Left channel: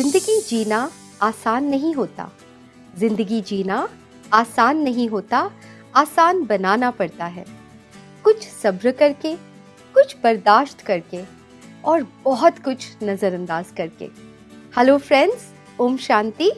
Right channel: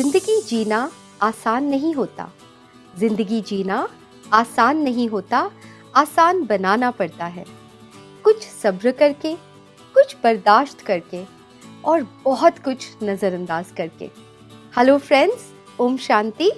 जिंदगी जीना आसान नहीं होता, जिंदगी जीना आसान नहीं होता, आसान बनाना पड़ता है। कुछ सब्र करके, कुछ बर्दाश्त करके और बहुत कुछ नज़रअंदाज करके। हेलो फ्रेंड्स, ओम शांति।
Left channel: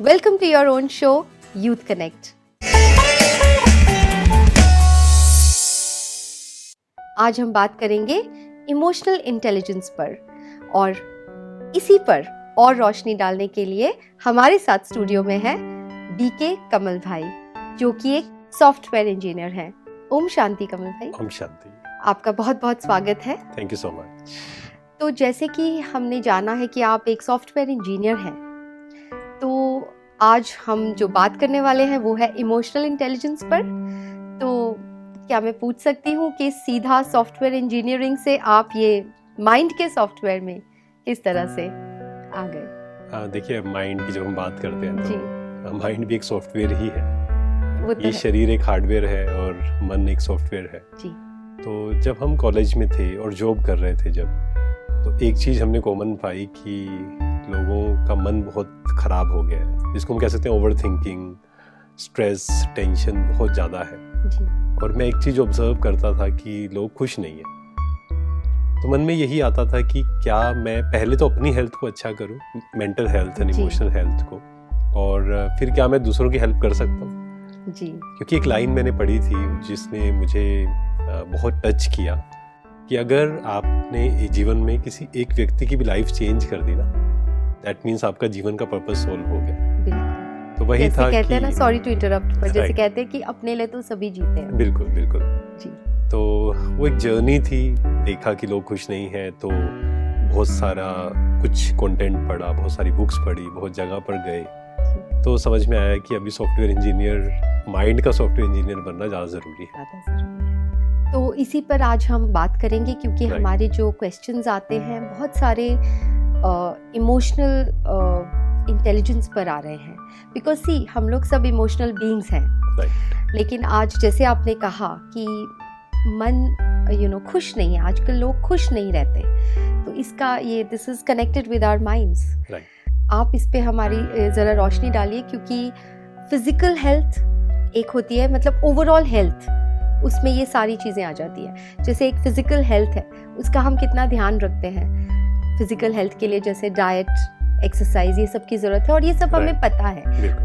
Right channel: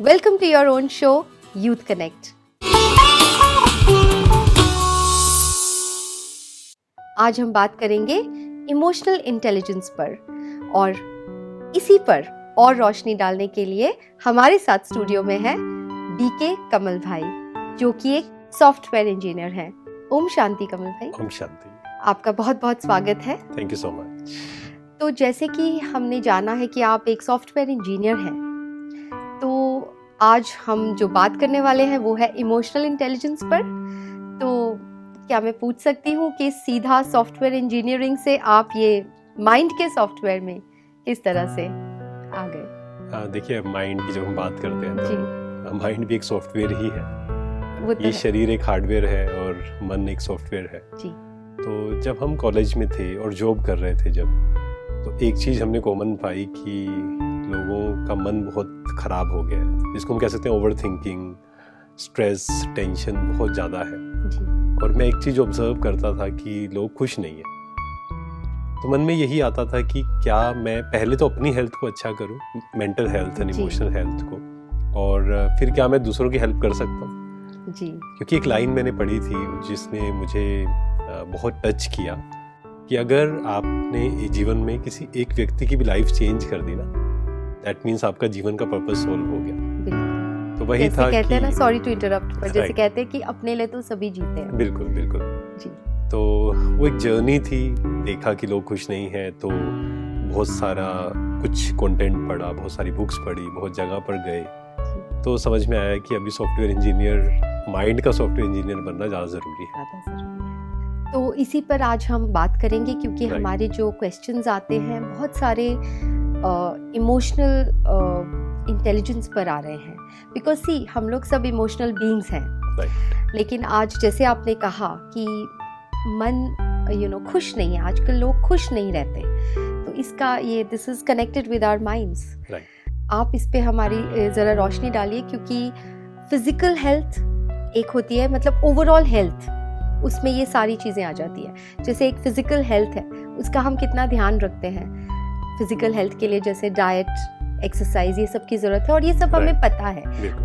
Welcome to your own show youth connect. आज हम बात करेंगे इमोशनल इंटेलिजेंस पर, और इसी पर और रोशनी डालने के लिए हमारे साथ स्टूडियो में है बीके कमल भाई, जो कि एक सॉफ्टवेयर इंजीनियर हैं। ओम शांति कमल भाई। ओम शांति। आपका बहुत बहुत स्वागत है। Thank you so much. तो जैसे कि हमने जाना है कि आप एक सॉफ्टवेयर इंजीनियर हैं, तो आज हम जो बात करने वाले हैं वो है इमोशनल इंटेलिजेंस पर। तो क्या मैं पूछ सकती हूँ कि सीधा सॉफ्टवेयर इंजीनियरिंग से आप ये माइंड के सॉफ्टवेयर में किस तरह से आ गए? देखिए, माइंड की जब हम बात करते हैं तो माइंड भी एक सॉफ्टवेयर ही है। ये है। शरीर एक हार्डवेयर है और मन एक सॉफ्टवेयर है जी। तो जब हम कॉलेज में थे और जॉब कर रहे थे तो एक चीज़ हमने कॉमन पाई कि लोगों का मन बहुत ख़राब हो गया है, जिसको हम कह सकते हैं ओवर थिंकिंग, स्ट्रेस, टेंशन बहुत ज़्यादा है जी। और मैं एक चीज़ ऑब्जर्व करता था कि लोग खुश नहीं है। तो मन में यही आता था कि क्या मैं पहले तो अपनी हेल्थ को अच्छा करूं, mental health and emotional health को, और फिर क्या मैं दूसरों की हेल्प कर सकता हूं जी। क्योंकि एक लाइन मैंने पढ़ी थी जिसने मुझे बहुत टच किया कि अगर आपने जीवन में किसी एक व्यक्ति की भी लाइफ चेंज कर दी ना, दैट मीन्स आपका जीवन का पर्पस सोल्व हो गया। बिल्कुल। तो वही था कहते हैं ना, सॉरी टू इंटरप्ट, पर जैसे right. कहते हैं कि अपने लिए तो सभी जीते हैं। बिल्कुल बिल्कुल जी। तो वो एक जर्नी थी। देखा कि लोग खुश नहीं हैं तो बहुत सारा कुछ कंटेंट पढ़ा, बहुत सारी बुक्स पढ़ी, बहुत जगह पर गए, तो समझ में आया कि अभी सॉफ्टवेयर इंजीनियर, माइंड का सॉफ्टवेयर इंजीनियर बनना ज़्यादा ज़रूरी है। तो इसी पर आज हम बात करेंगे, क्योंकि हमारे जो क्वेश्चंस आते हैं बहुत सारे इमोशनल इंटेलिजेंस पर आ रहे हैं। बिकॉज सी, हम लोग सब इमोशनल बीइंग्स हैं, लेकिन आज जैसे आपने कहा कि मन खुश नहीं है, आजकल लोग खुश नहीं रहते, तो इसका ये this is connected with our minds. आप इस पे हमारी ज़रा रोशनी डालिए, क्योंकि फिजिकल हेल्थ एक होती है, मतलब ओवरऑल हेल्थ, उसमें ये सारी चीज़ें आ जाती हैं। जैसे एक फिजिकल हेल्थ है, उसका हम कितना ध्यान रखते हैं। फिजिकल हेल्थ के लिए जैसे डाइट, एक्सरसाइज, ये सब की ज़रूरत है, और ये सब हमें पता है,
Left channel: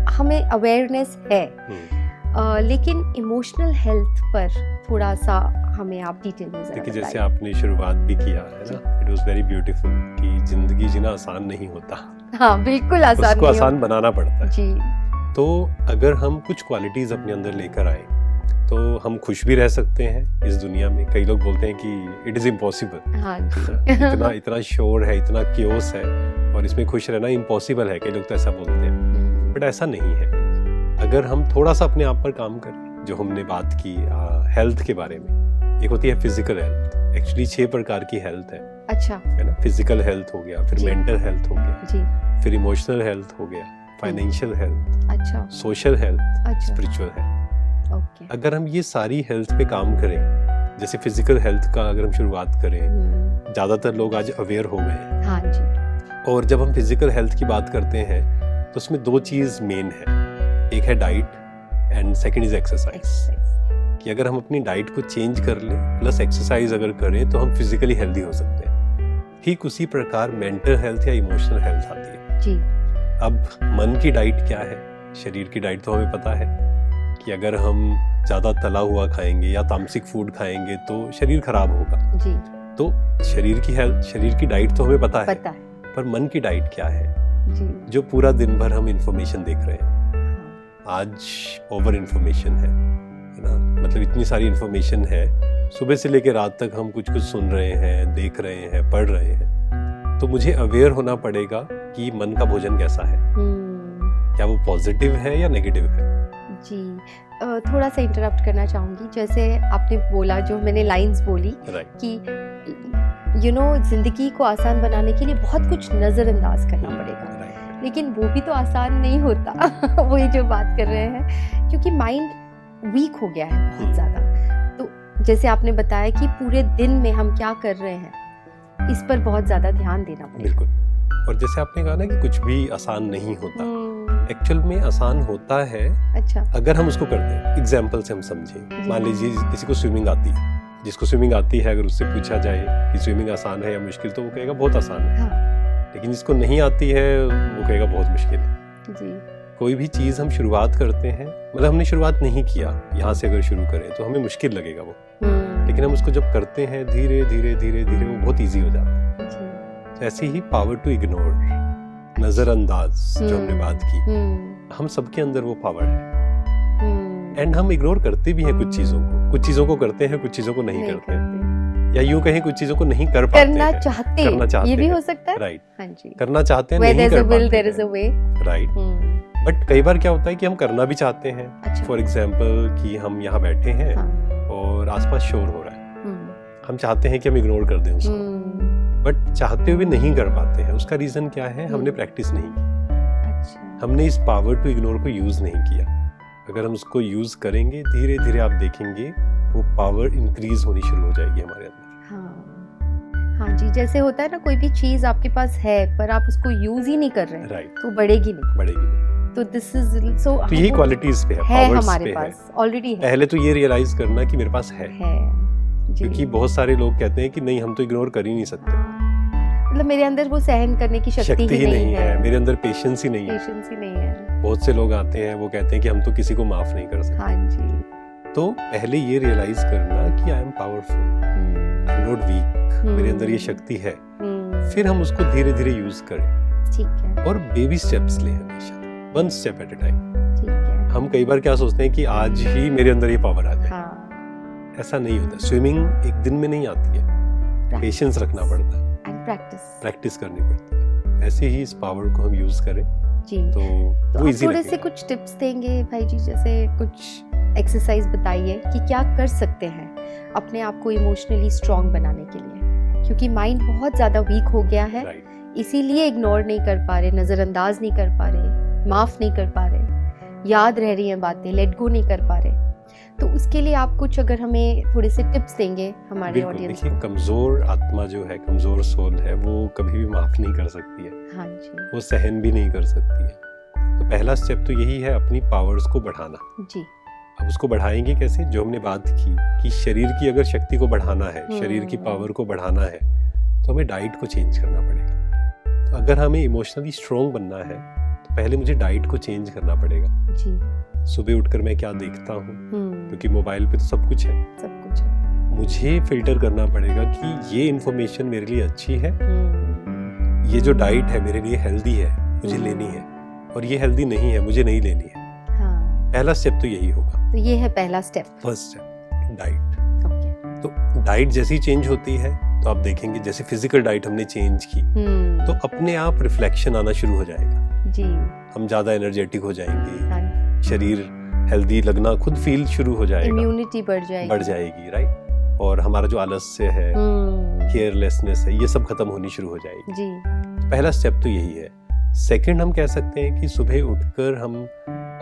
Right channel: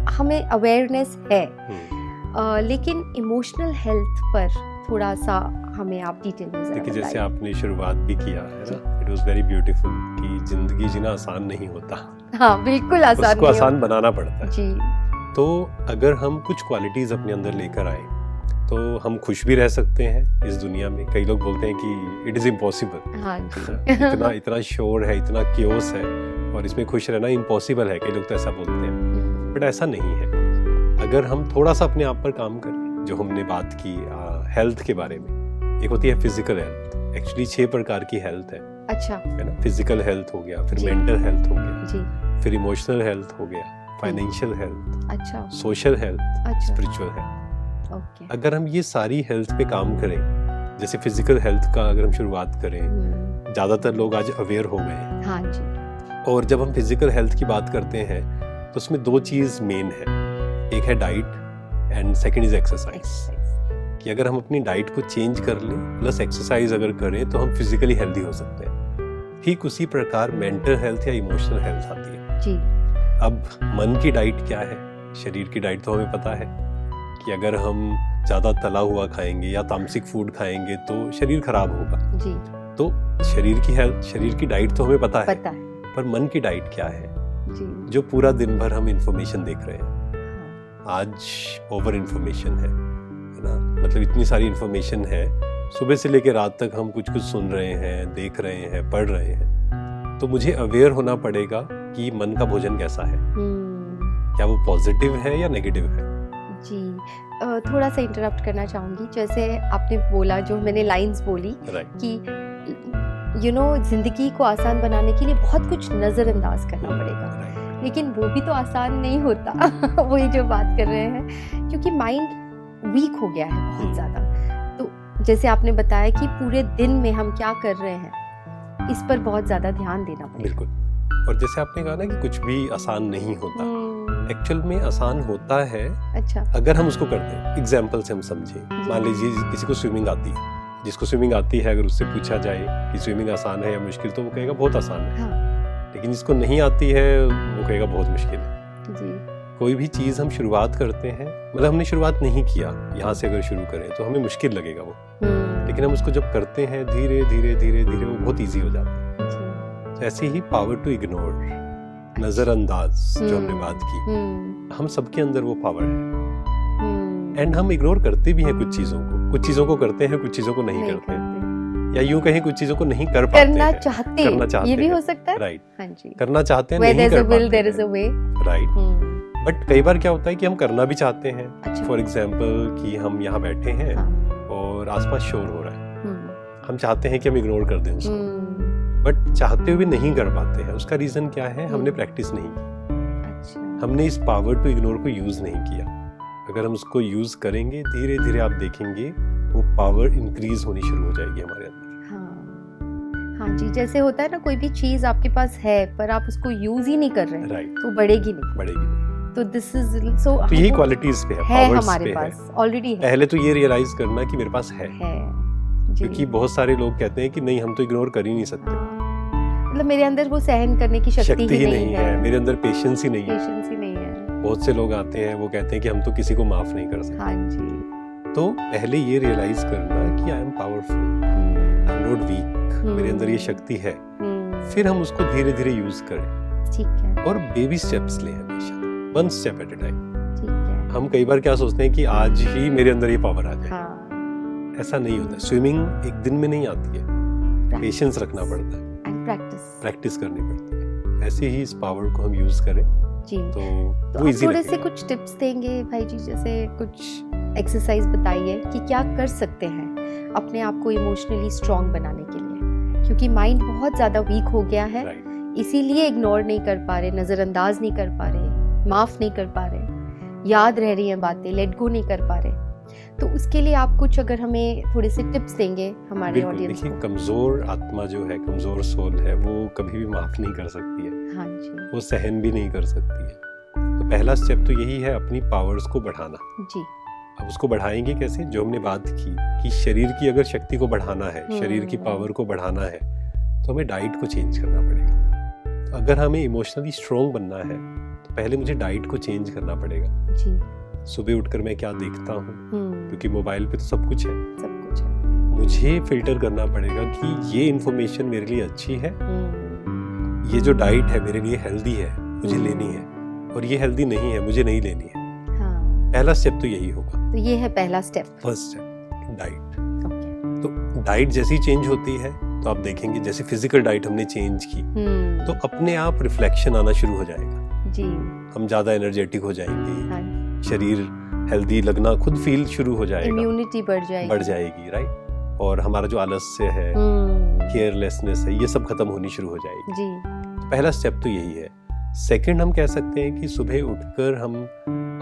हमें अवेयरनेस है। लेकिन इमोशनल हेल्थ पर थोड़ा सा हमें आप डिटेल में ज़रा बताइए। जैसे आपने शुरुआत भी किया है ना, इट वाज वेरी ब्यूटीफुल कि जिंदगी जीना आसान नहीं होता। हाँ, बिल्कुल आसान नहीं, उसको आसान बनाना पड़ता है जी। तो अगर हम कुछ क्वालिटीज़ अपने अंदर लेकर आए तो हम खुश भी रह सकते हैं इस दुनिया में। कई लोग बोलते हैं कि इट इज़ इम्पॉसिबल। हाँ जी। इतना शोर है, इतना क्योस है और इसमें खुश रहना इम्पॉसिबल है, कई लोग तो ऐसा बोलते हैं, बट ऐसा नहीं है। अगर हम थोड़ा सा अपने आप पर काम करें, जो हमने बात की हेल्थ के बारे में, एक होती है फिजिकल हेल्थ। एक्चुअली 6 प्रकार की हेल्थ है। अच्छा। है ना। फिजिकल हेल्थ हो गया, फिर मेंटल हेल्थ हो गया जी, फिर इमोशनल हेल्थ हो गया, फाइनेंशियल हेल्थ, अच्छा, सोशल हेल्थ, अच्छा, स्पिरिचुअल हेल्थ। ओके। अगर हम ये सारी हेल्थ पे काम करें, जैसे फिजिकल हेल्थ का अगर हम शुरुआत करें, ज़्यादातर लोग आज अवेयर हो गए हैं। हाँ जी। और जब हम फिजिकल हेल्थ की बात करते हैं तो उसमें 2 चीज़ मेन है, एक है diet and second is exercise. कि अगर हम अपनी डाइट को चेंज कर लें प्लस एक्सरसाइज अगर करें तो हम फिजिकली हेल्दी हो सकते हैं। ठीक उसी प्रकार मेंटल हेल्थ या इमोशनल हेल्थ आती है जी। अब मन की डाइट क्या है, शरीर की डाइट तो हमें पता है कि अगर हम ज़्यादा तला हुआ खाएंगे या तामसिक फूड खाएंगे तो शरीर खराब होगा जी। तो शरीर की हेल्थ, शरीर की डाइट तो हमें पता है, पर मन की डाइट क्या है जी, जो पूरा दिन भर हम इंफॉर्मेशन देख रहे हैं। हाँ। आज ओवर इंफॉर्मेशन है ना, मतलब इतनी सारी इंफॉर्मेशन है, सुबह से लेकर रात तक हम कुछ सुन रहे हैं, देख रहे हैं, पढ़ रहे हैं। तो मुझे अवेयर होना पड़ेगा कि मन का भोजन कैसा है, क्या वो पॉजिटिव है या नेगेटिव है। जी, थोड़ा सा इंटरप्ट करना चाहूँगी। जैसे आपने बोला, जो मैंने लाइंस बोली कि ज़िंदगी को आसान बनाने के लिए बहुत कुछ नज़रअंदाज करना पड़ेगा, लेकिन वो भी तो आसान नहीं होता। वही जो बात कर रहे हैं, क्योंकि माइंड वीक हो गया है बहुत ज़्यादा। तो जैसे आपने बताया कि पूरे दिन में हम क्या कर रहे हैं, इस पर बहुत ज़्यादा ध्यान देना पड़ेगा। बिल्कुल। और जैसे आपने कहा ना कि कुछ भी आसान नहीं होता, एक्चुअल में आसान होता है। अच्छा। अगर हम उसको करते हैं, एग्जाम्पल से हम समझें, मान लीजिए किसी को स्विमिंग आती है, जिसको स्विमिंग आती है अगर उससे पूछा जाए कि स्विमिंग आसान है या मुश्किल, तो वो कहेगा बहुत आसान है। हाँ। लेकिन जिसको नहीं आती है वो कहेगा बहुत मुश्किल है जी। कोई भी चीज़ हम शुरुआत करते हैं, मतलब हमने शुरुआत नहीं किया, यहाँ से अगर शुरू करें तो हमें मुश्किल लगेगा वो, लेकिन हम उसको जब करते हैं धीरे धीरे धीरे धीरे वो बहुत ईजी हो जाता है। तो ऐसे ही पावर टू इग्नोर, नजरअंदाज जो हमने बात की, हम सबके अंदर वो पावर है। एंड हम इग्नोर करते भी हैं कुछ चीजों को करते हैं, कुछ चीजों को नहीं करते हैं, या यूं कहें कुछ चीजों को नहीं कर पाते, करना चाहते ये भी हो सकता है। राइट। हाँ जी। करना चाहते हैं, नहीं कर पाते। राइट। बट कई बार क्या होता है कि हम करना भी चाहते हैं। फॉर एग्जाम्पल कि हम यहाँ बैठे हैं और आसपास शोर हो रहा है, हम चाहते हैं कि हम इग्नोर कर दें उसको, बट चाहते हुए नहीं कर पाते हैं। उसका रीजन क्या है? हमने प्रैक्टिस नहीं की। अच्छा। हमने इस पावर टू इग्नोर को यूज नहीं किया। अगर हम उसको यूज करेंगे, धीरे धीरे आप देखेंगे वो पावर इंक्रीज होनी शुरू हो जाएगी हमारे अंदर। हाँ जी, जैसे होता है ना, कोई भी चीज आपके पास है पर आप उसको यूज ही नहीं कर रहे, राइट, तो बढ़ेगी नहीं। तो दिस इज सो, तो यही क्वालिटीज पे है, पावर्स हमारे पे पास ऑलरेडी है। पहले तो ये रियलाइज करना कि मेरे पास है। क्योंकि बहुत सारे लोग कहते हैं कि नहीं, हम तो इग्नोर कर ही नहीं सकते, मतलब मेरे अंदर वो सहन करने की शक्ति ही नहीं है, मेरे अंदर पेशेंस ही नहीं है। बहुत से लोग आते हैं वो कहते हैं कि हम तो किसी को माफ नहीं कर सकते। हाँ जी। तो पहले ये रियलाइज करना कि I am powerful, I am not weak, मेरे अंदर ये शक्ति है। फिर हम उसको धीरे धीरे यूज करें। ठीक है। और बेबी स्टेप्स लें हमेशा, one step at a time. ठीक है। हम कई बार क्या सोचते हैं कि आज ही मेरे अंदर ये पावर आ जाए। ऐसा नहीं होता। स्विमिंग एक दिन में नहीं आती है, पेशेंस रखना पड़ता है, प्रैक्टिस करनी पड़ती है। ऐसे ही इस पावर को हम यूज करें जी, तो वो इजी थोड़े से कुछ टिप्स देंगे भाई जी, जैसे कुछ एक्सरसाइज बताइए कि क्या कर सकते हैं अपने आप को इमोशनली स्ट्रांग बनाने के लिए, क्योंकि माइंड बहुत ज़्यादा वीक हो गया है। इसीलिए इग्नोर नहीं कर पा रहे, नज़रअंदाज नहीं कर पा रहे, माफ़ नहीं कर पा रहे, याद रह रही हैं बातें, लेट गो नहीं कर पा रहे। तो उसके लिए आप कुछ अगर हमें थोड़े से टिप्स देंगे हमारे ऑडियंस को। कमज़ोर आत्मा जो है, कमज़ोर सोल है, वो कभी भी माफ़ नहीं कर सकती है। हाँ जी। वो सहन भी नहीं कर सकती है। तो पहला स्टेप तो यही है, अपनी पावर्स को बढ़ाना जी। अब उसको बढ़ाएंगे कैसे? जो हमने बात की कि शरीर की अगर शक्ति को बढ़ाना है, शरीर की पावर को बढ़ाना है, तो हमें डाइट को चेंज करना पड़ेगा। तो अगर हमें इमोशनली स्ट्रॉन्ग बनना है तो पहले मुझे डाइट को चेंज करना पड़ेगा जी। सुबह उठकर मैं क्या देखता हूँ, क्योंकि मोबाइल पे तो सब कुछ है, मुझे फिल्टर करना पड़ेगा कि ये इन्फॉर्मेशन मेरे लिए अच्छी है, ये जो डाइट है मेरे लिए हेल्दी है, मुझे लेनी है, और ये हेल्दी नहीं है, मुझे नहीं लेनी है। पहला स्टेप तो यही होगा। तो ये है पहला step, first step, diet. Okay. तो डाइट जैसी चेंज होती है तो आप देखेंगे, जैसे फिजिकल डाइट हमने चेंज की तो अपने आप रिफ्लेक्शन आना शुरू हो जाएगा जी। हम ज्यादा एनर्जेटिक हो जाएंगे, हाँ। शरीर हेल्दी लगना खुद फील शुरू हो जाएगा, इम्यूनिटी बढ़ जाएगी, राइट। और हमारा जो आलस्य है, केयरलेसनेस है, ये सब खत्म होनी शुरू हो जाएगी जी। तो पहला स्टेप तो यही है। सेकंड, हम कह सकते हैं कि सुबह उठकर हम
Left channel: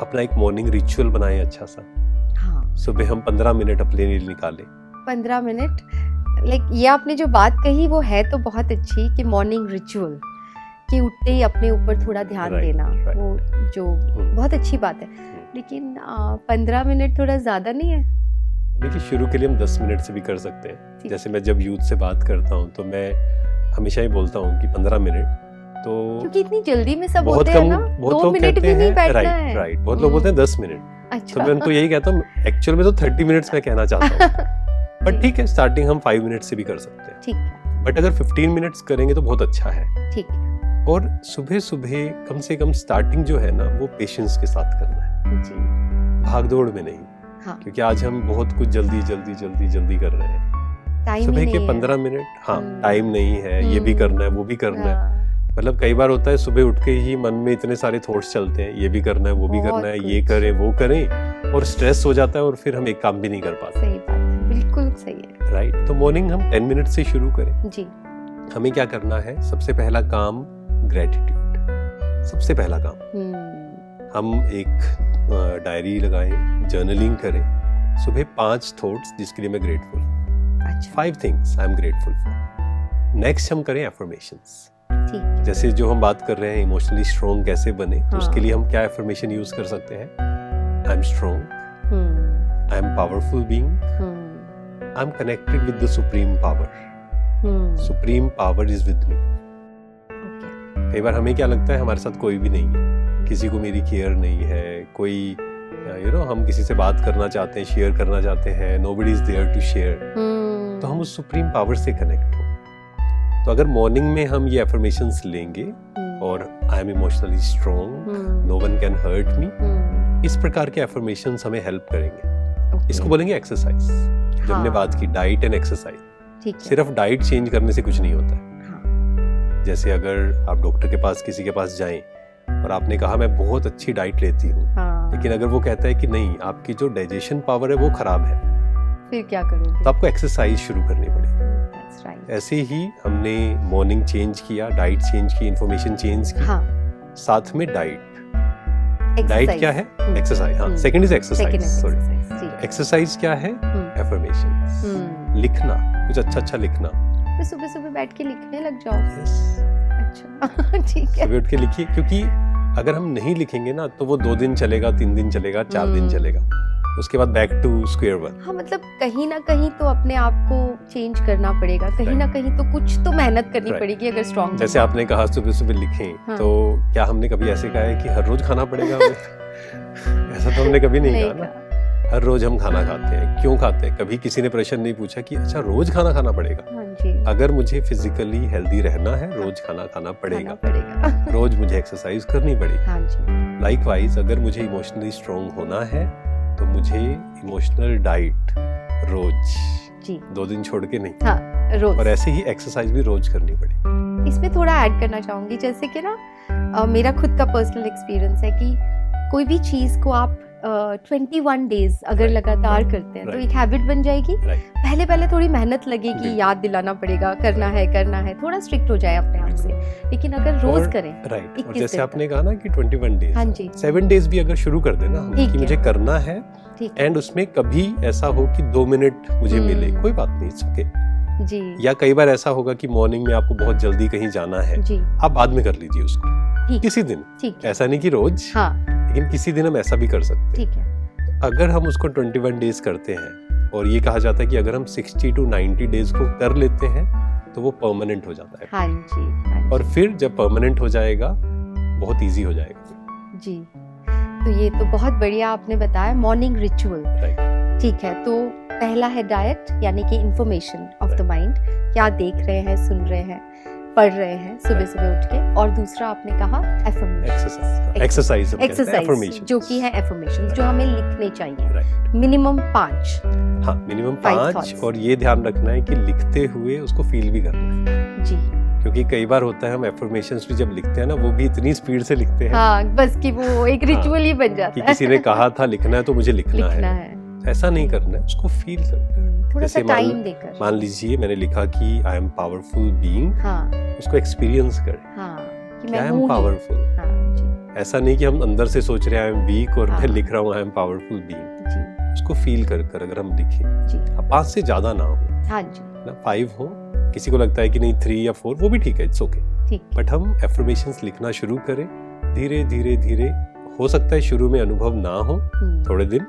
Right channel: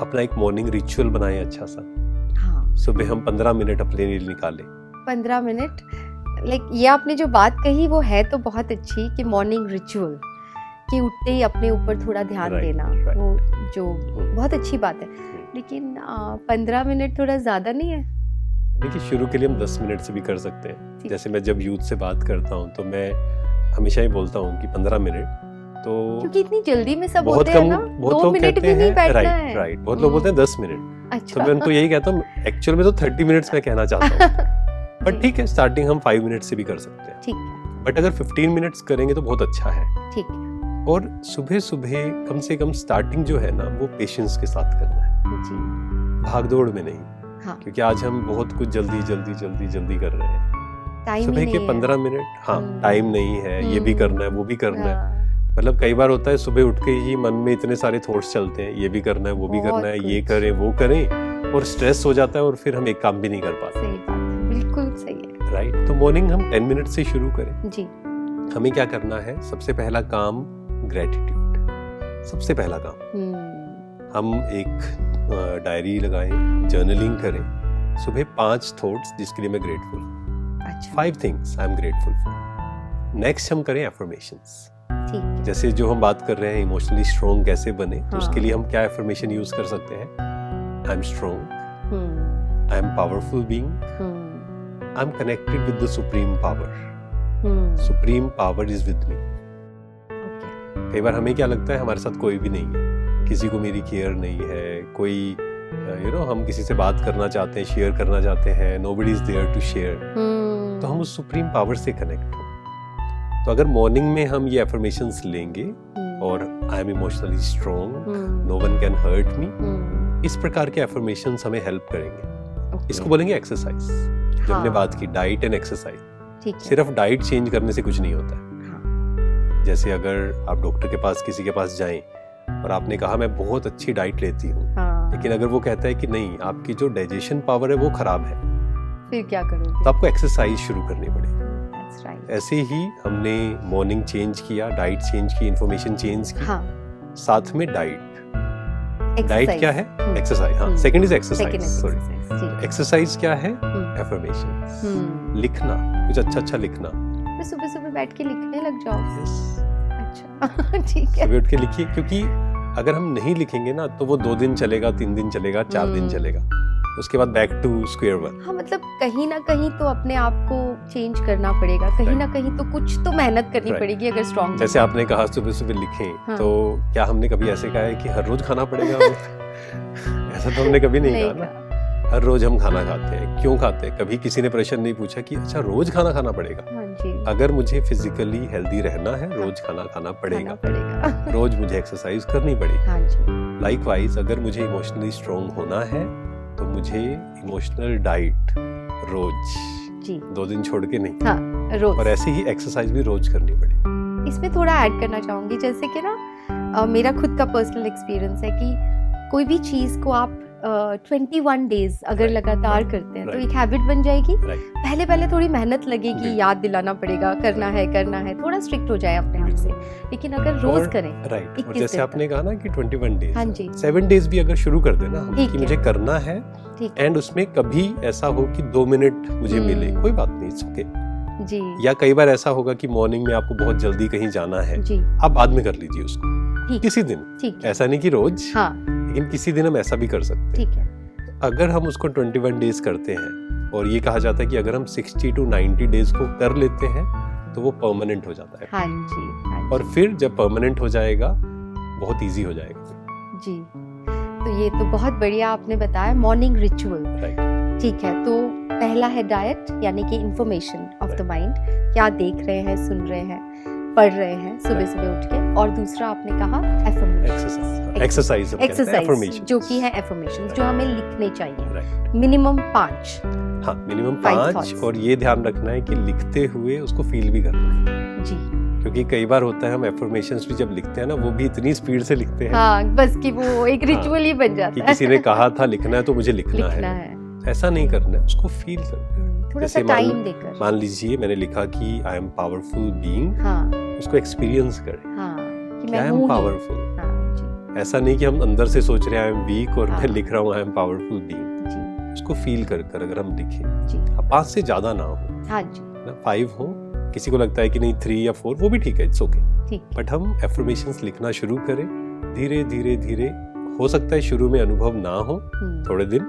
अपना एक मॉर्निंग रिचुअल बनाएं अच्छा सा। हाँ। सुबह हम 15 मिनट अपने लिए निकालें। 15 मिनट, लाइक ये आपने जो बात कही वो है तो बहुत अच्छी कि मॉर्निंग रिचुअल, कि उठते ही अपने ऊपर थोड़ा ध्यान देना, वो जो बहुत अच्छी बात है। लेकिन 15 मिनट थोड़ा ज़्यादा नहीं है? देखिए, शुरू के लिए हम 10 मिनट से भी कर सकते हैं। जैसे मैं जब यूथ से बात करता हूँ तो मैं हमेशा ही बोलता हूँ कि 15 मिनट, तो क्योंकि इतनी जल्दी में सब होते हैं ना, 2 मिनट भी नहीं बैठना है। राइट। बहुत लोग बोलते हैं 10 मिनट। अच्छा। तो मैं उनको यही कहता हूँ, एक्चुअल में तो 30 मिनट्स मैं कहना चाहता हूँ। बट ठीक है, स्टार्टिंग हम 5 मिनट से भी कर सकते हैं। ठीक है। बट अगर 15 मिनट्स करेंगे तो बहुत अच्छा है। ठीक है। और सुबह सुबह कम से कम स्टार्टिंग जो है ना, वो पेशेंस के साथ करना है जी, भागदौड़ में नहीं। हाँ। क्योंकि आज हम बहुत कुछ जल्दी कर रहे हैं। सुबह के 15 मिनट, हाँ, टाइम नहीं है, ये भी करना है, वो भी करना है। मतलब कई बार होता है सुबह उठ के ही मन में इतने सारे थॉट्स चलते हैं, ये भी करना है, वो भी करना है, ये करें, वो करें, और स्ट्रेस हो जाता है और फिर हम एक काम भी नहीं कर पाते। सही बात है, बिल्कुल सही है। राइट। तो मॉर्निंग हम 10 मिनट से शुरू करें जी। हमें क्या करना है? सबसे पहला काम ग्रेटिट्यूड, सबसे पहला काम। हम एक डायरी लगाएं, जर्नलिंग करें, सुबह 5 थॉट्स जिसके लिए मैं grateful, 5 things I am grateful for. Next हम करें एफर्मेशंस। ठीक है। जैसे जो हम बात कर रहे हैं इमोशनली स्ट्रॉन्ग कैसे बने, तो उसके लिए हम क्या एफर्मेशन यूज कर सकते हैं? I am strong, I am powerful being, I am connected with the supreme power, supreme power is with me. कई बार हमें क्या लगता है हमारे साथ कोई भी नहीं है, किसी को मेरी केयर नहीं है, कोई हम किसी से बात करना चाहते हैं, शेयर करना चाहते हैं, nobody is there to share, तो हम उस सुप्रीम पावर से कनेक्ट हो। तो अगर मॉर्निंग में हम ये एफर्मेशंस लेंगे और I am emotionally strong, no one can hurt me, इस प्रकार के एफर्मेशंस हमें हेल्प करेंगे। इसको बोलेंगे एक्सरसाइज। जो हमने बात की डाइट एंड एक्सरसाइज, सिर्फ डाइट चेंज करने से कुछ नहीं होता है। जैसे अगर आप डॉक्टर के पास किसी के पास जाएं और आपने कहा मैं बहुत अच्छी डाइट लेती हूँ, लेकिन अगर वो कहता है कि नहीं, आपकी जो डाइजेशन पावर है वो खराब है, फिर क्या करोगे? तो आपको एक्सरसाइज शुरू करनी पड़ेगी। ऐसे ही हमने मॉर्निंग चेंज किया, डाइट चेंज की, इंफॉर्मेशन चेंज की, साथ में डाइट क्या है? एक्सरसाइज। हाँ, second is exercise, sorry. Exercise क्या है? एफर्मेशन, लिखना, कुछ अच्छा लिखना। सुबह सुबह बैठ के लिखने लग जाओ। यस, अच्छा, ठीक है। सुबह उठ के लिखिए, क्योंकि अगर हम नहीं लिखेंगे ना तो वो 2 दिन चलेगा, 3 दिन चलेगा, 4 दिन चलेगा, उसके बाद बैक टू स्क्वायर वन। हाँ, मतलब कहीं ना कहीं तो अपने आप को चेंज करना पड़ेगा, कहीं ना कहीं तो कुछ तो मेहनत करनी पड़ेगी अगर स्ट्रॉन्ग। जैसे आपने कहा सुबह सुबह लिखें, तो क्या हमने कभी ऐसे कहा है कि हर रोज खाना पड़ेगा हमें? ऐसा तो हमने कभी नहीं कहा ना। हर रोज हम खाना खाते हैं, क्यों खाते हैं? कभी किसी ने प्रश्न नहीं पूछा कि अच्छा रोज खाना खाना पड़ेगा? हाँ जी। अगर मुझे फिजिकली हेल्दी रहना है, रोज खाना खाना पड़ेगा। रोज मुझे एक्सरसाइज करनी पड़ेगी। हाँ जी। लाइकवाइज अगर मुझे इमोशनली स्ट्रॉन्ग होना है तो मुझे इमोशनल डाइट रोज जी, 2 दिन छोड़ के नहीं, हाँ, रोज। और ऐसे ही एक्सरसाइज भी रोज करनी पड़ेगी। इसमें थोड़ा ऐड करना चाहूंगी, जैसे कि ना मेरा खुद का पर्सनल एक्सपीरियंस है कि कोई भी चीज को आप 21 डेज अगर लगातार करते हैं तो एक हैबिट बन जाएगी। पहले थोड़ी मेहनत लगेगी, याद दिलाना पड़ेगा, करना है, थोड़ा स्ट्रिक्ट हो जाए अपने आप से, लेकिन अगर रोज करें। राइट, और जैसे आपने कहा ना कि 21 डेज, हाँ जी, 7 डेज भी अगर शुरू कर देना हम कि मुझे करना है, एंड उसमें कभी ऐसा हो कि 2 मिनट मुझे मिले, कोई बात नहीं, इट्स ओके जी। या कई बार ऐसा होगा कि मॉर्निंग में आपको बहुत जल्दी कहीं जाना है, आप बाद में कर लीजिए उसको किसी दिन, ऐसा नहीं कि रोज, लेकिन किसी दिन हम ऐसा भी कर सकते हैं। ठीक है। तो अगर हम उसको 21 डेज करते हैं, और ये कहा जाता है कि अगर हम 60 to 90 डेज को कर लेते हैं तो वो परमानेंट हो जाता है। हाँ जी। और फिर जब परमानेंट हो जाएगा बहुत इजी हो जाएगा जी। तो ये तो बहुत बढ़िया आपने बताया, मॉर्निंग रिचुअल। ठीक है, तो पहला है डाइट, यानी कि इंफॉर्मेशन ऑफ द माइंड, क्या देख रहे हैं, सुन रहे हैं, पढ़ रहे हैं सुबह सुबह उठ के। और दूसरा आपने कहा एक्सरसाइज, जो कि है एफर्मेशन, जो हमें लिखने चाहिए, मिनिमम 5। हाँ, मिनिमम 5। और ये ध्यान रखना है कि लिखते हुए उसको फील भी करना है जी, क्योंकि कई बार होता है हम एफर्मेशंस भी जब लिखते हैं ना, वो भी इतनी स्पीड से लिखते हैं, हाँ, बस कि वो एक रिचुअल ही बन जाता है कि किसी ने कहा था लिखना है तो मुझे लिखना है। ऐसा नहीं करना है, उसको फील करना है। थोड़ा सा टाइम देकर। मान लीजिए मैंने लिखा कि आई एम पावरफुल बीइंग, उसको एक्सपीरियंस करें कि आई एम पावरफुल। ऐसा नहीं कि हम अंदर से सोच रहे हैं आई एम वीक और मैं लिख रहा हूँ आई एम पावरफुल बीइंग। उसको फील कर अगर हम लिखें, 5 से ज्यादा ना हो, हाँ जी, ना 5 हो। किसी को लगता है कि नहीं 3 या 4, वो भी ठीक है, इट्स ओके। बट हम एफर्मेशंस लिखना शुरू करें धीरे धीरे धीरे। हो सकता है शुरू में अनुभव ना हो थोड़े दिन,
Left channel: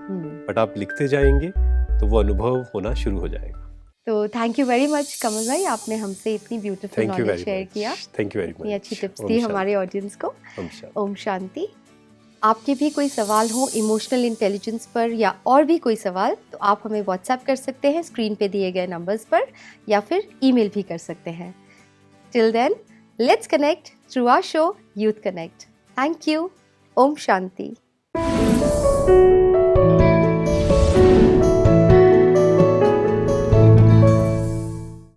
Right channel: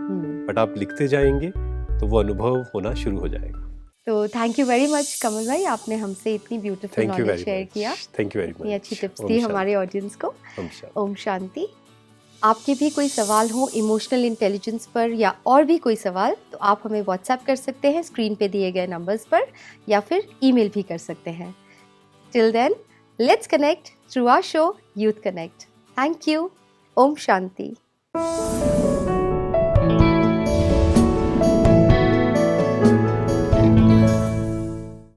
बट आप लिखते जाएंगे तो वो अनुभव होना शुरू हो जाएगा। तो थैंक यू वेरी मच कमल भाई, आपने हमसे इतनी ब्यूटीफुल नॉलेज शेयर किया। थैंक यू वेरी मच, इतनी अच्छी टिप्स दी हमारे ऑडियंस को। ओम शांति। आपके भी कोई सवाल हो इमोशनल इंटेलिजेंस पर या और भी कोई सवाल, तो आप हमें व्हाट्सएप कर सकते हैं स्क्रीन पे दिए गए नंबर्स पर, या फिर ईमेल भी कर सकते हैं। Till then, let's connect through our show youth connect. Thank you. ओम शांति।